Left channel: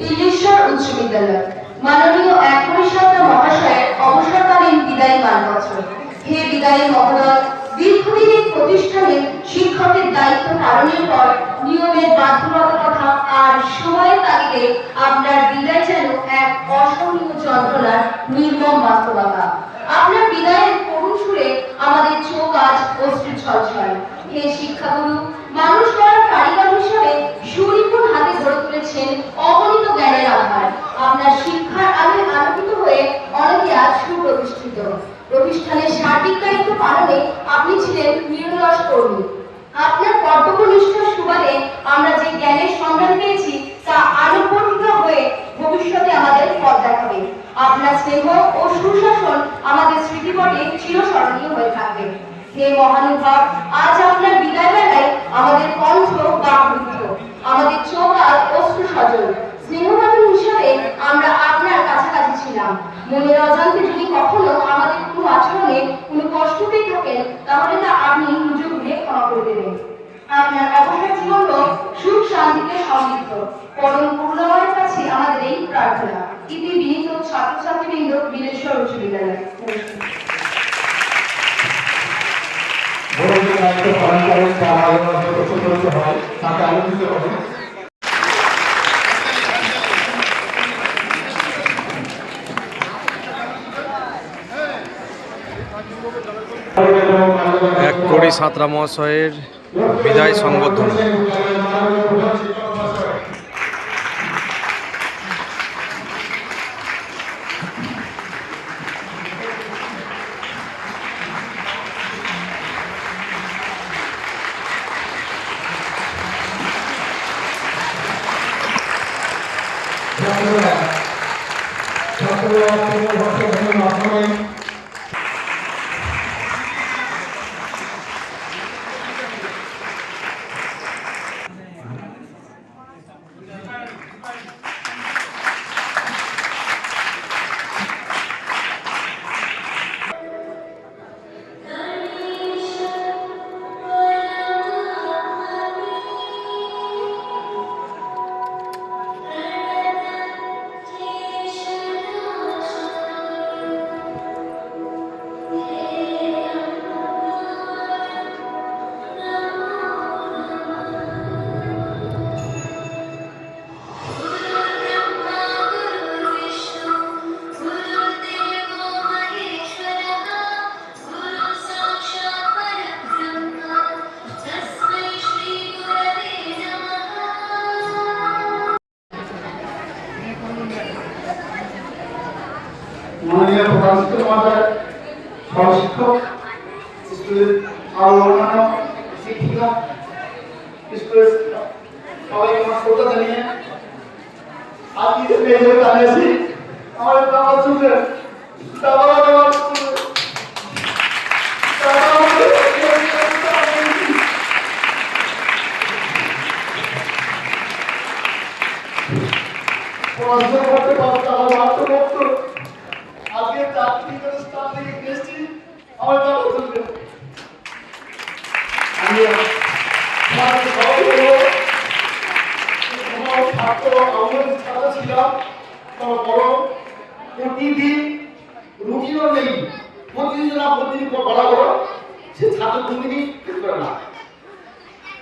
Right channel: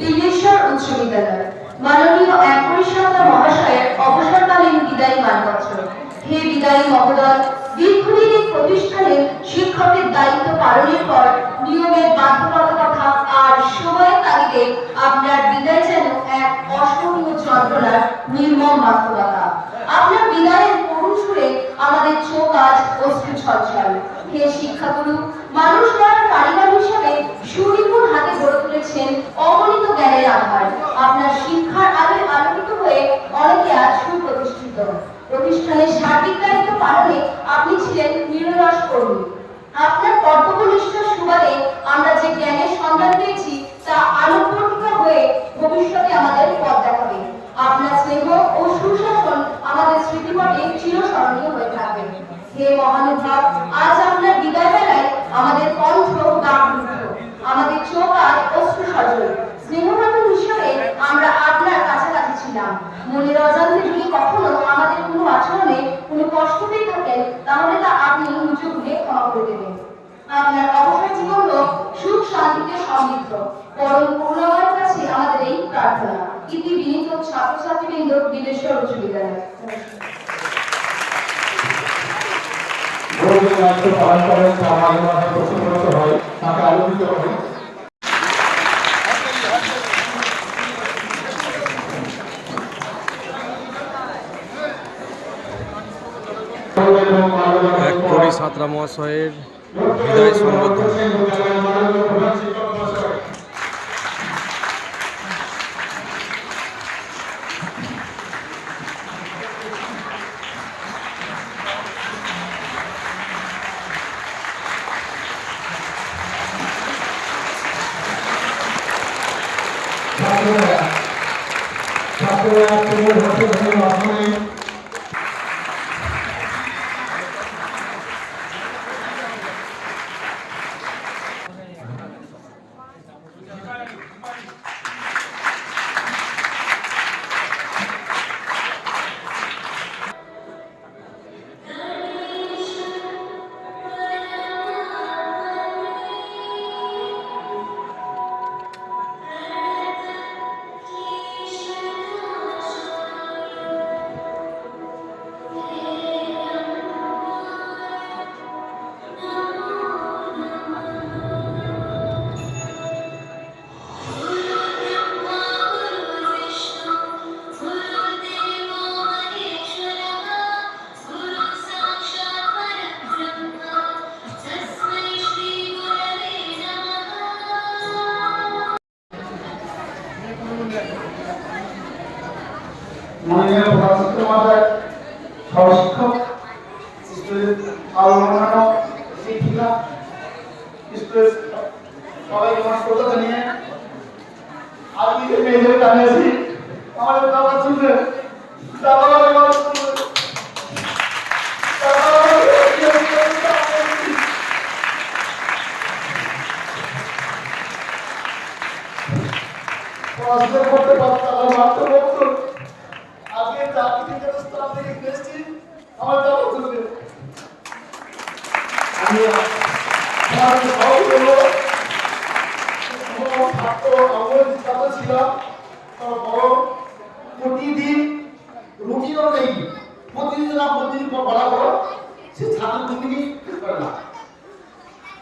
দিল্লেশ্বর উচ্চ বিদ্যালয়। মাননীয় এক পরিষদা মহাশয়ের অবসরকালীন বিদায়ী মানপত্র। হে বিদায়ী মহোদয়, দীর্ঘদিনের প্রতিষ্ঠানে শিক্ষকের দায়িত্ব পালনের পর নিয়মের বাধ্যবাধকতা আর সময়ের তাগিদে আপনার বিদায় যেন এক অসহনীয় যন্ত্রণার নির্মম বাস্তবতা। আপনার বিদায়ের করুণ সুরে আমাদের চোখ আজ অশ্রু ছলছল। হে শিক্ষাগুরু, মানুষ গড়ার কারিগর হিসেবে সুনিপুণ হাতে গড়ে তুলেছেন অগণিত জ্ঞানের আধার। আপনার শিক্ষার আলোয় আলোকিত হয়ে অনেকে আজ সুপ্রতিষ্ঠিত। প্রতিষ্ঠানের সার্বিক দায়িত্ব পালনে আপনি ছিলেন নিরলস কর্মী। আপনার কর্তব্যনিষ্ঠার সুবাদে আমরা যে জ্ঞানের সন্ধান পেয়েছি তা আলোকবর্তিত হয়ে ভবিষ্যতে আমাদের পথ দেখাবে। আপনার স্নেহ ও সুশাসন আমাদের স্মৃতিপটে চিরস্মরণীয় হয়ে থাকবে। হে মহানুভাব, আজ আপনার বিদায় বেলায় আমাদের কণ্ঠ বাকরুদ্ধ, আমাদের চোখ আজ অশ্রু সজল। স্নেহবাদন হিসাবে আমরা আপনার কাছাকাছি ছিলাম। মনের অজান্তে যদি কখনো আমাদের কোনো আচরণে কোনো কষ্ট পেয়ে থাকেন, তাহলে তা আপনি নিজে ঘুরে ক্ষমা করে দেবেন। আপনার অবসর জীবন হোক সুখ শান্তিতে সমৃদ্ধ। পরম করুণাময়ের কাছে আমাদের এই প্রার্থনা। ইতি বিনীত ছাত্রছাত্রীবৃন্দ, দিল্লেশ্বর উচ্চ বিদ্যালয়। এক কোটি ছাত্রা মহাশয়ের বিদায় সংবর্ধনা। মাননীয় প্রধান শিক্ষক মহোদয়, সহশিক্ষক, স্কুলের আরো অন্যান্য শিক্ষিকা, স্কুলের সবাইকে আমার শ্রদ্ধা জানিয়ে আজকে যে মেয়েদের জানিয়েছি আমার বাবা চুলে দাদা করতে পারতাম আত্মভক্ত আজকে চাকরি স্থান থেকে এসেছি আমার বাবা চলবে। আমি ছাত্র ছিলাম, বড় প্রতিদিন রুটিনও নেই, প্রতিদিন পড়া করো, সে ছাত্র কোনদিনই শেষ করে না।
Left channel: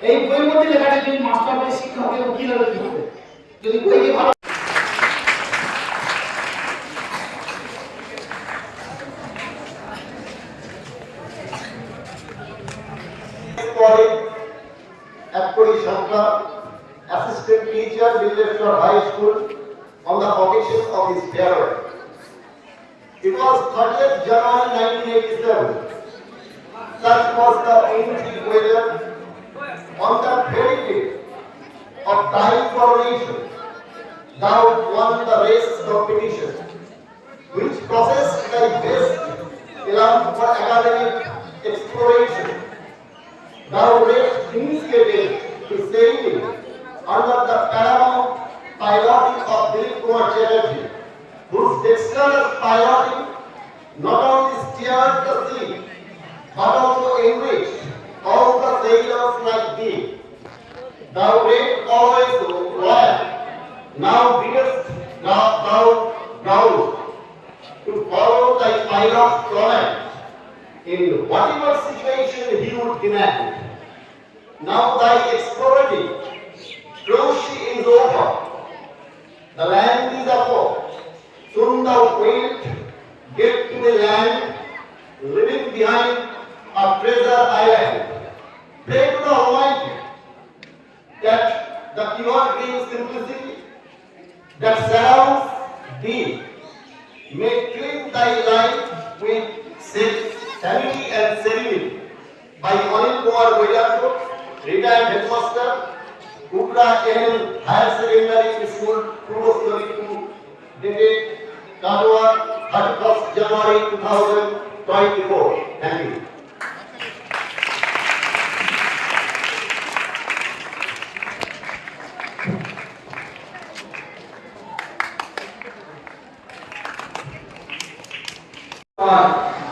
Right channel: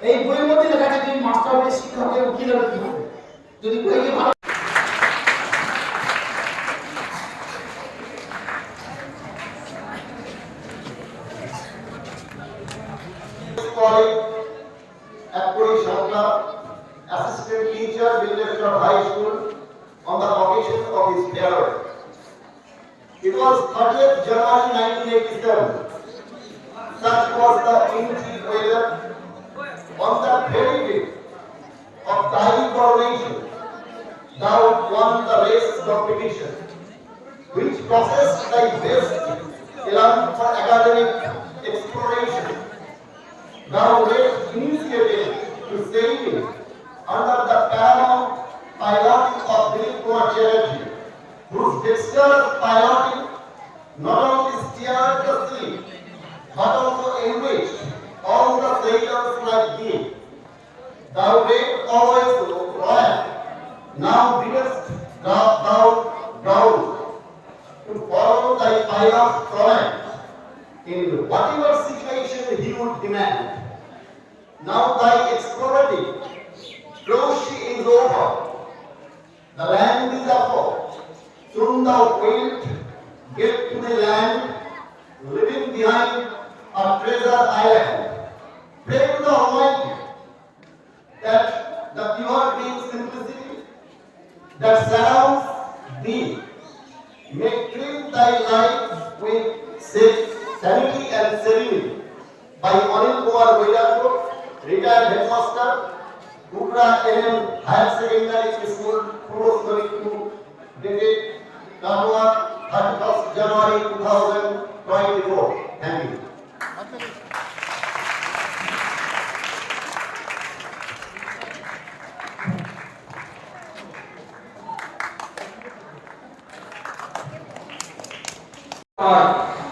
এই বইয়ের মধ্যে লেখা আছে তুমি মাস্টার হয়ে শিক্ষকের উকিল হবে কি হবে, যদি বইকে ভালো assistant teacher, Dillaeshwar High School, on the occasion of his farewell. It was 30th January 1987. Such was the wintry weather on that very day of tiny coronation. Thou won the race competition, which possessed thy best elan for academic exploration. Thou wert initiated to sailing under the paramount piloting of Dilip Kumar Chatterjee, whose dexterous piloting not only steered the sea, but also enriched all the sailors like thee. Thou wert always royal, now biddest evergreen simplicity that surrounds thee. May fill thy life with sanity and serenity. By Anil Kumar Vedado, retired headmaster, Upra NN Higher Secondary School, Purvostali 2, dated Katwa, 31st January 2024. Thank you.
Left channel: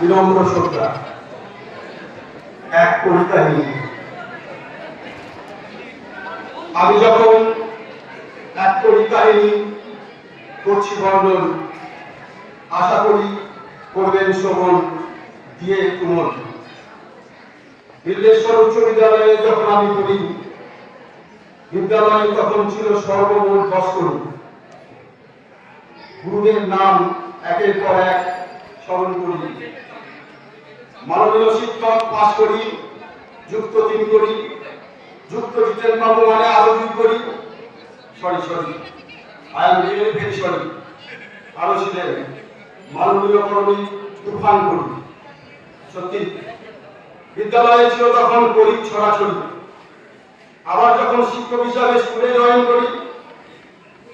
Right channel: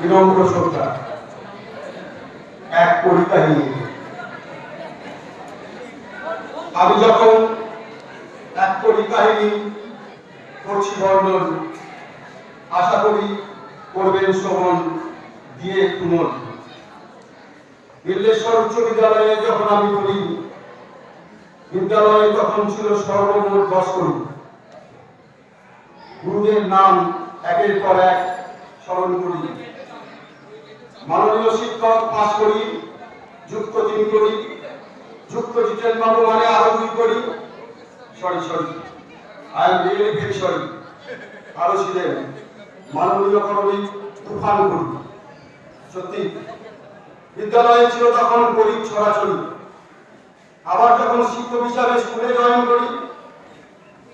বিনম্র শ্রদ্ধা এক কবিতা নিয়ে আমি যখন এক কাহিনী করছি বর্ণন, আশা করি করবেন শ্রবণ দিয়ে কুমন। বিল্লেশ্বর উচ্চ বিদ্যালয়ে যখন আমি পড়ি, বিদ্যালয়ে তখন ছিল সর্বমোট 10 করি। গুরুদের নাম একের পর এক স্মরণ করি। মাননীয় শিক্ষক পাশ করি, যুক্ত 3 করি, যুক্ত জিতেন বাবু মানে আরো 2 করি। Sorry I am really very sorry. আরো ছিলেন মাননীয় করণী তুফান করি। সত্যি বিদ্যালয়ে ছিল তখন করি ছড়াছড়ি। আবার যখন শিক্ষক হিসাবে স্কুলে জয়েন করি,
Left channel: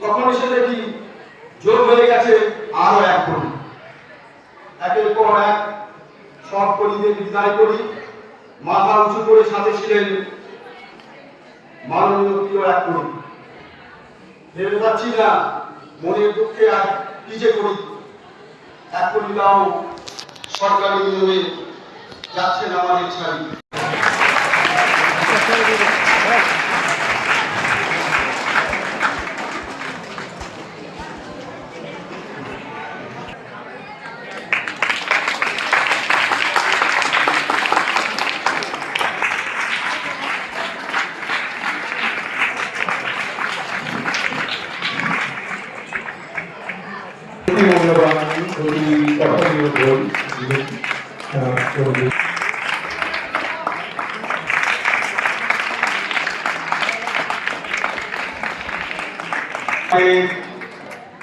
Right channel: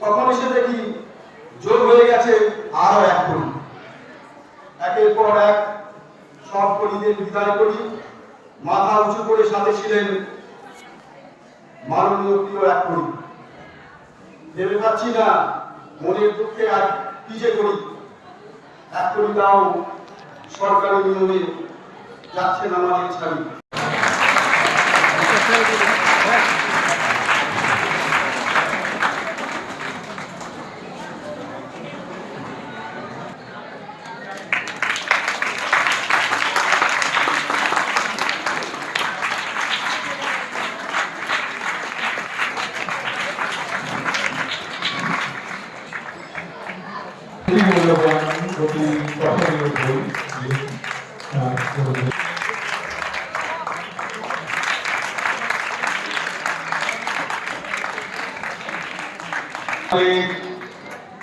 তখন এসে দেখি যোগ হয়ে গেছে আরো 1 করি। একের পর এক সব কলিদের বিদায় করি। মাথা উঁচু করে সাথে ছিলেন মাননীয় প্রিয় 1 করি। ভেবে পাচ্ছি না মনের দুঃখে আর কি যে করি। 1 করি তাও সরকারি নিয়মে যাচ্ছেন আমাদের ছাড়ি।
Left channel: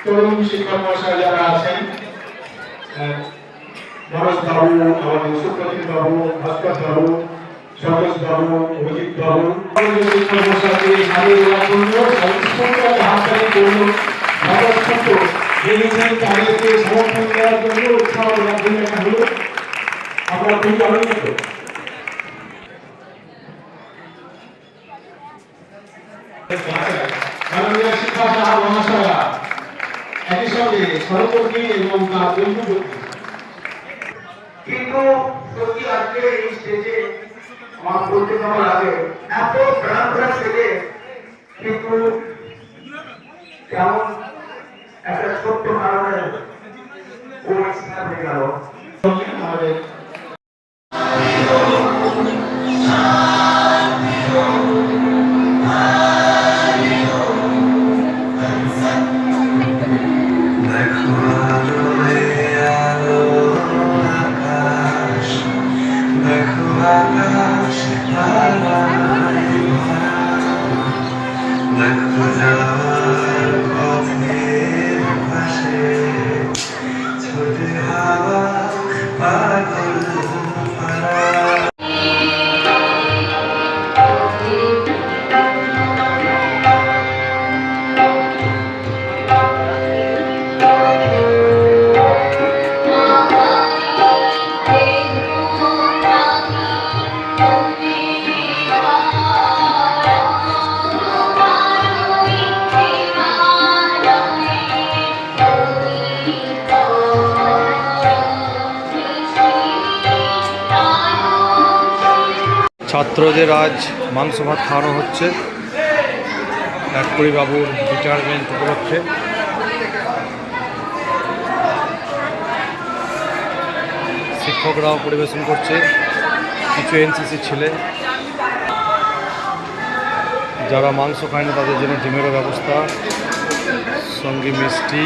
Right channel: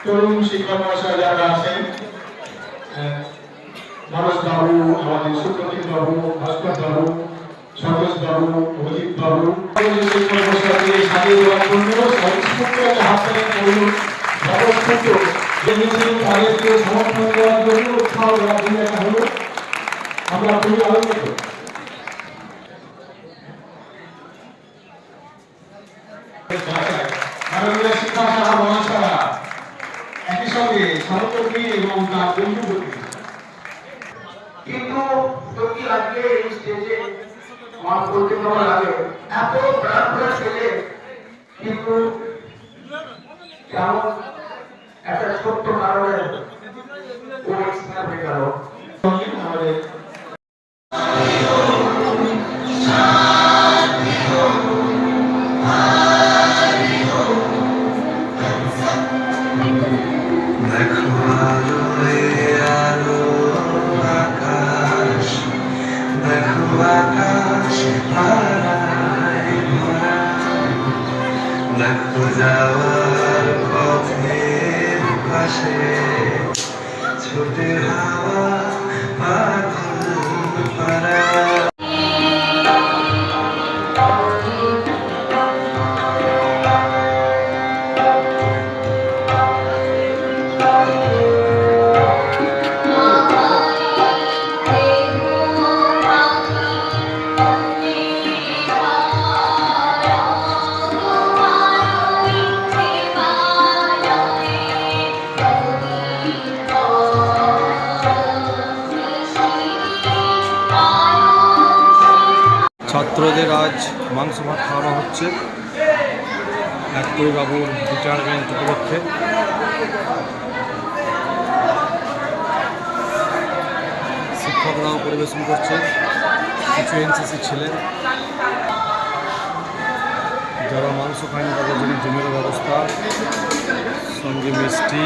তরুণ শিক্ষক মহাশয় যারা আছেন, নরেশ বাবু, আমাদের সুপ্রতীক বাবু, ভাস্কর বাবু, সরোজ বাবু, অভিজিৎ বাবু, শিক্ষক মহাশয়কে সারিয়ে দেওয়ার জন্য হাততালি করুন। দেখেছেন তাদেরকে সমর্থন দেওয়ার জন্য উৎসাহ দেওয়ার জন্য একটা হলো আমরা খুবই আনন্দিত। মাননীয় শিক্ষক মহাশয়া একই সঙ্গে সহকর্মী এবং তার বন্ধু। কিন্তু সত্যি আজকে এই স্টেজে আমার বলতে ভালো লাগে, এত প্রাণভরা ছেলে কিন্তু কেমন একটা ছোট্ট কারণে ও এক্সপায়ার হয়ে গেল। ছাত্রদের আজ মাংস ভাত খাওয়ানো হচ্ছে 1 করি বাবুর রিটায়ারমেন্ট উপলক্ষে। শিক্ষকরাও পরিবেশন করছে, কিছু এনসিসি ছেলে। যারা মাংস খায় না তাদের জন্য ডিমেরও ব্যবস্থা, সঙ্গে মিষ্টি।